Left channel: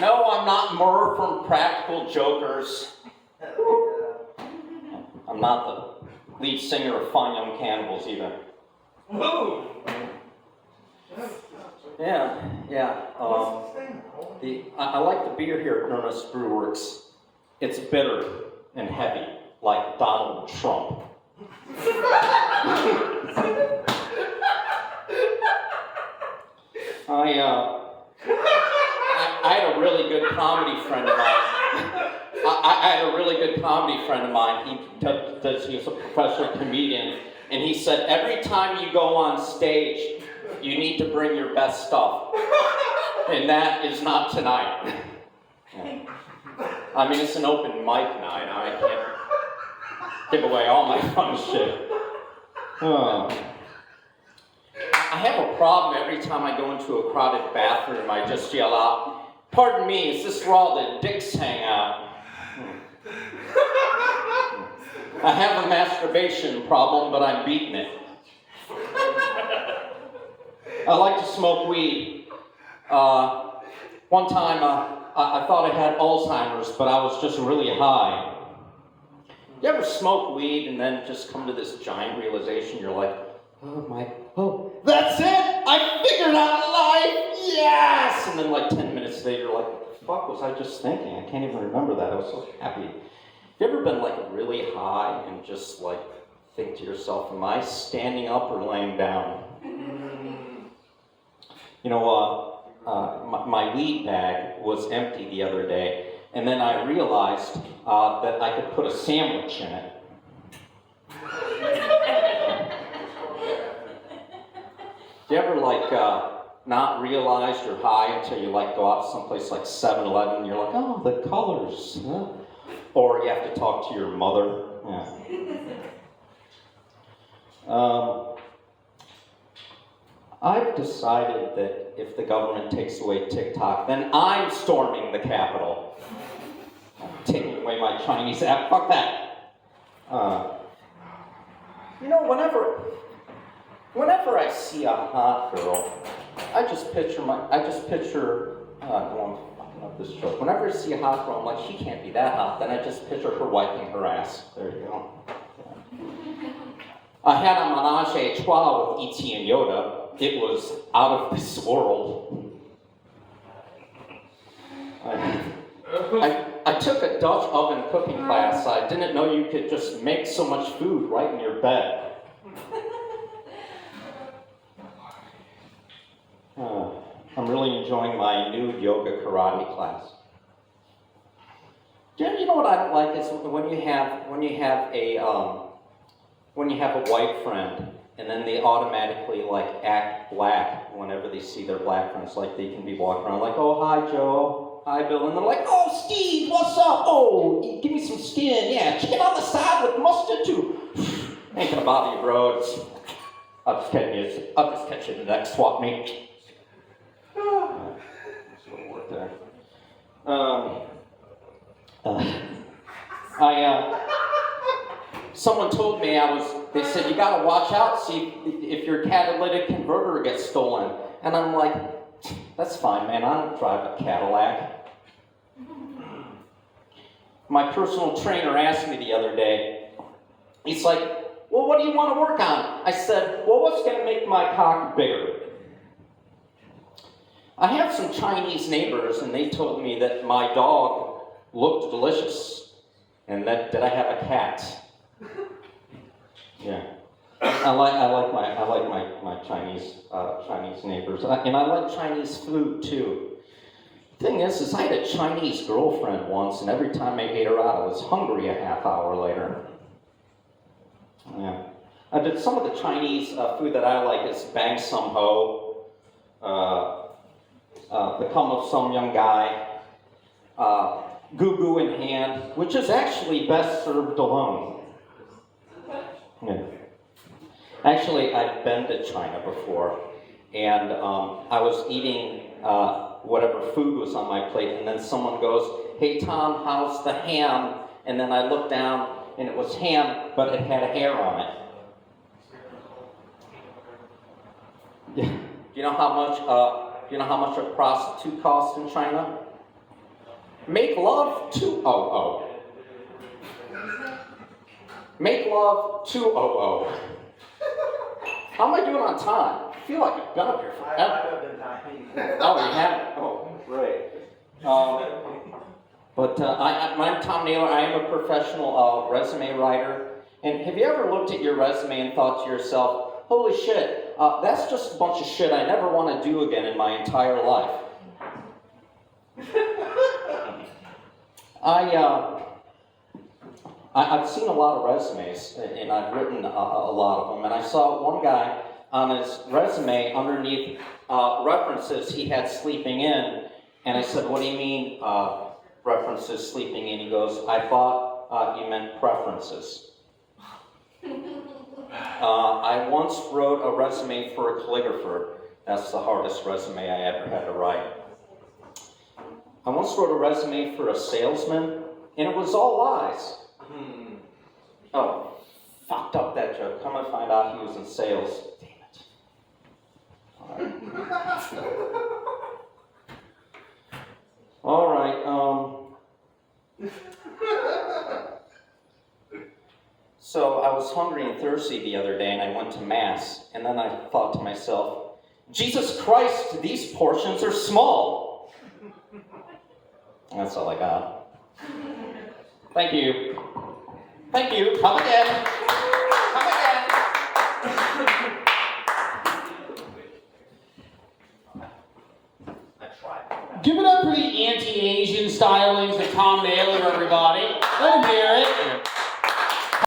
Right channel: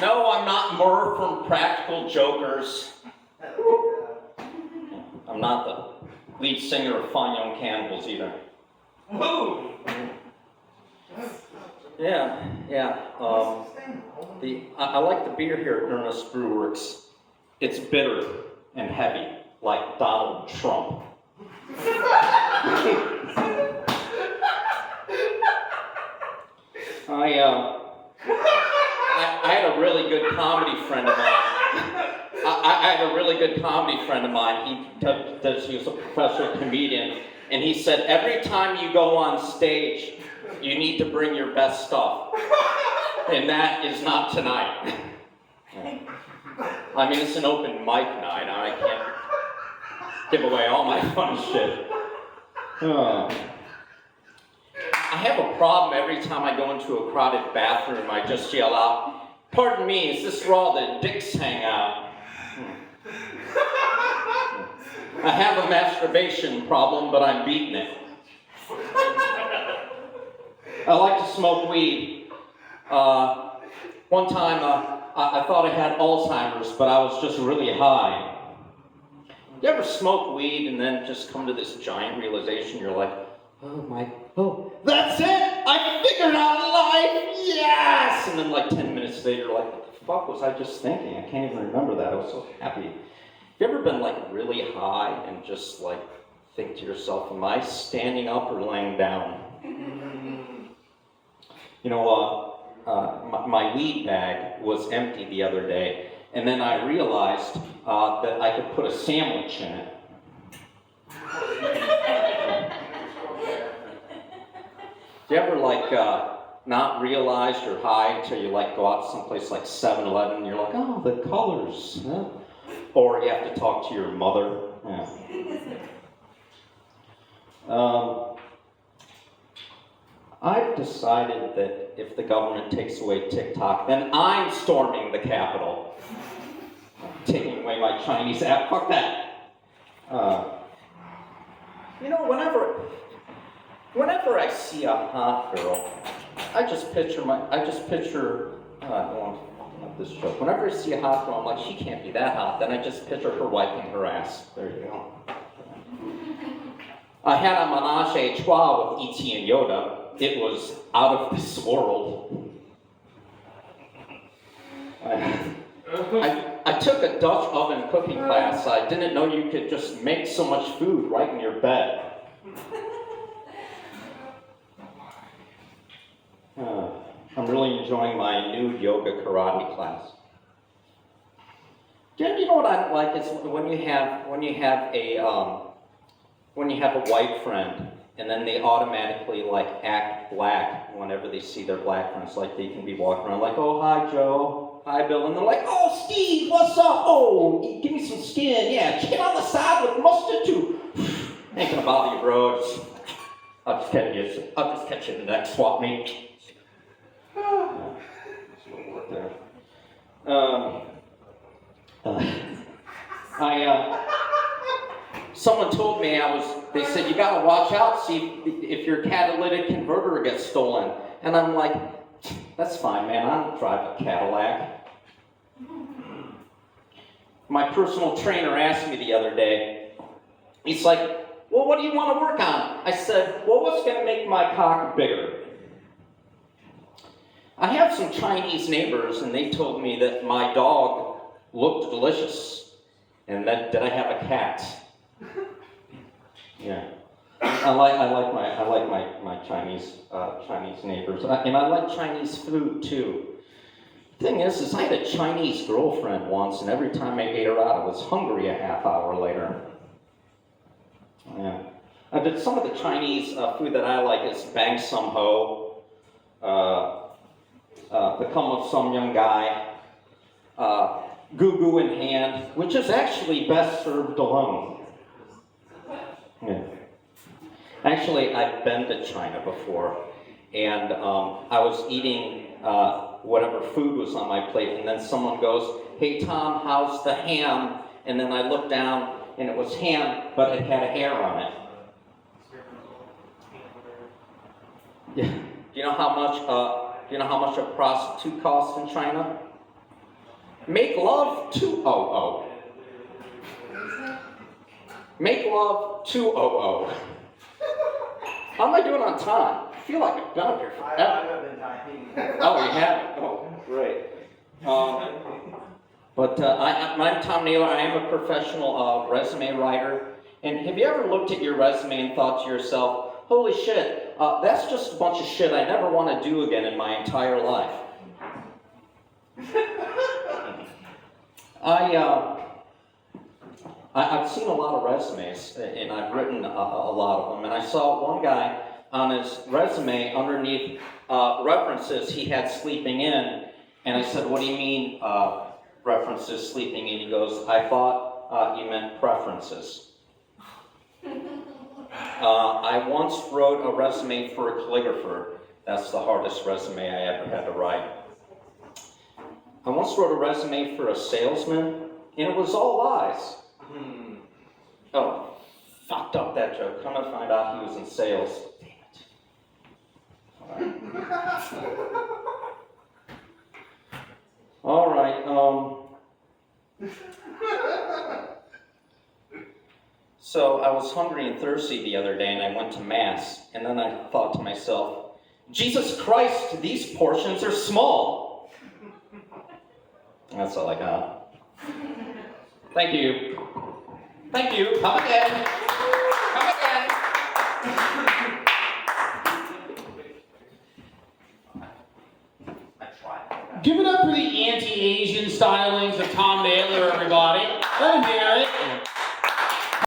No, I'm not Murr from Practical Jokers. I'm not the lead singer of Fine Young Cannibals either. Whoa! Yeah. I like the beer here at Ernest Brewworks. It's bitter and heavy, like Donald Trump. I had a really good comedy friend of mine. I had a really good comedy friend of mine. He was a professor, comedian, and he said every time you go on stage, you need to bring your best stuff, and that is not tonight. I mean, it's an open mic night. I can't give away all my fun shit. I have a problem every time I go into a crowded bathroom. I just yell out, "Pardon me, is this where all the dicks hang out?" I have a masturbation problem, but I'm beating it. I like to smoke weed. One time, I thought I had Alzheimer's, but I was just really high. You ever smoke weed and then just come to this giant realization? You're like, oh, that's it! I figured out life! Yes! And then like 10 minutes later, you're like, what the fuck was I just thinking? I can't even remember that. I was so happy. Have you ever been like really high and just like think to yourself, am I standing up or laying down? You know, my weed bag was empty the other day, and then I realized that I could put a sandwich in it. Do you ever like not realize you're high until you like go out someplace like 7-Eleven and you're like, oh, the colors, huh? Or you have to talk to your mother. Yeah. I've decided that if the government takes away TikTok, then I'm storming the Capitol. I'm taking away my Chinese app. Fuck that. You know, whenever I see a hot girl, I just picture this joke. Whenever I see a hot girl, I'm like, she can't be that hot. Then I just picture her wiping her ass. There you go. I had a menage a trois with E.T. and Yoda. It was out of this world. I took a Dutch oven cooking class. I didn't know you could just make so much food right in your bed. I'm really enjoying my nude yoga karate class. You know what I don't like is when you have a white friend and then they automatically like act black whenever they see their black friends. Like they can be walking around like, oh, hi Joe, hi Bill, and they're like, oh Steve, what's up? Oh, give me some skin, yeah, chicken on the side with mustard too. Ain't gonna bother you, bro. I'll just catch you in the next swap meet. Someone told me they said, you gotta watch out, see if your catalytic converter gets stolen. And I'm like, that's fine, man, I don't drive a Cadillac. My personal trainer asked me the other day, he's like, well, what do you want to work on? I said, well, what's gonna make my cock bigger? I have some Chinese neighbors, and they told me that my dog looked delicious, and that I have a cat. Yeah, I like my Chinese neighbors, and I like Chinese food too. The thing is I had a Chinese girlfriend once, and every time I ate her out, I was hungry a half hour later. Yeah, I did some of the Chinese food that I like is bang sum ho. Become of some young guy, goo goo in hand, which is actually best served alone. Yeah. Actually, I've been to China before, and I was eating whatever food was on my plate, and then someone goes, hey Tom, how's the ham? And then I looked down, and it was ham, but it had a hair on it. Yeah. Do you know how much? Do you know how much a prostitute costs in China? Make love 200. Make love 200. How am I doing on time? I feel like I've done it here forever. I've been timing. Oh, you haven't? Oh, great. I'm Tom Naylor. I am a professional resume writer. And have you ever looked at your resume and thought to yourself, holy shit, that's just a bunch of shit I never want to do again in my entire life? I've seen a lot of resumes, and I've written a lot of them, and I saw one guy on his resume underneath references he had sleeping in, and I said, what do you mean references sleeping in? He goes, I thought you meant preferences. I once wrote a resume for a calligrapher. That's the hardest resume I ever had to write. I once wrote a resume for a salesman, and it was all lies. Oh, fucked up that joke. Come and find out he was in sales. Damn it. All right. So I was hungry and thirsty the other day, and I went to Mass, and then I thought to myself, Jesus Christ, these portions are small. That's all I got. Thank you. Thank you. Come again. Come again. I tried. Give it up for the anti-Asian stylings of Tom Naylor,